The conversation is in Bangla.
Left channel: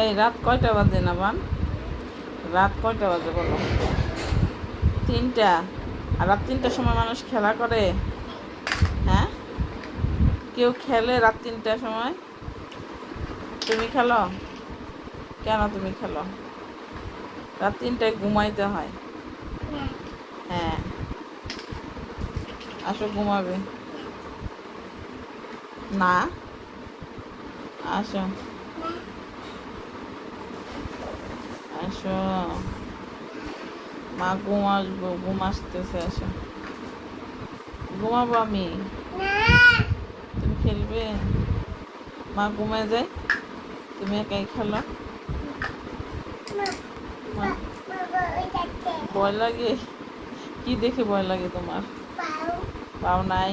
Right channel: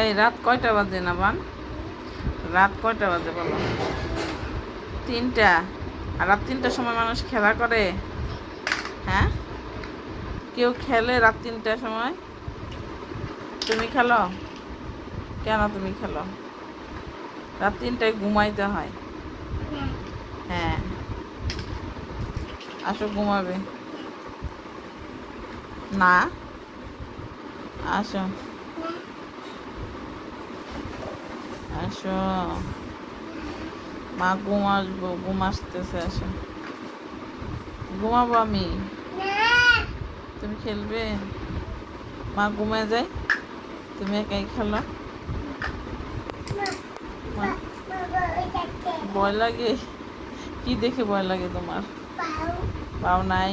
এই রাত কয়টা বাজে না বান? রাত কয়টা বাজে বলো? 3টা। আর রাত 3টার সময় মানুষ খেলা করে? হ্যাঁ, কেউ খেলে রাত 3টার সময়? তুমি খেলো? কেন তুমি খেলো? রাত 3টায় ঘুমাইতে হয়। হ্যাঁ, আসো ঘুমাবে। না, আসো আসো, মা ঘুম আসবো, ঘুম আসতেছে, আসো ঘুমাবো আমি। তুমি খেলবে? মা ঘুমায় যায়, তুমি একাই খেলো। মা- ভয় লাগে? কি দেখে ভয় লাগে তোমার? পাও নাই?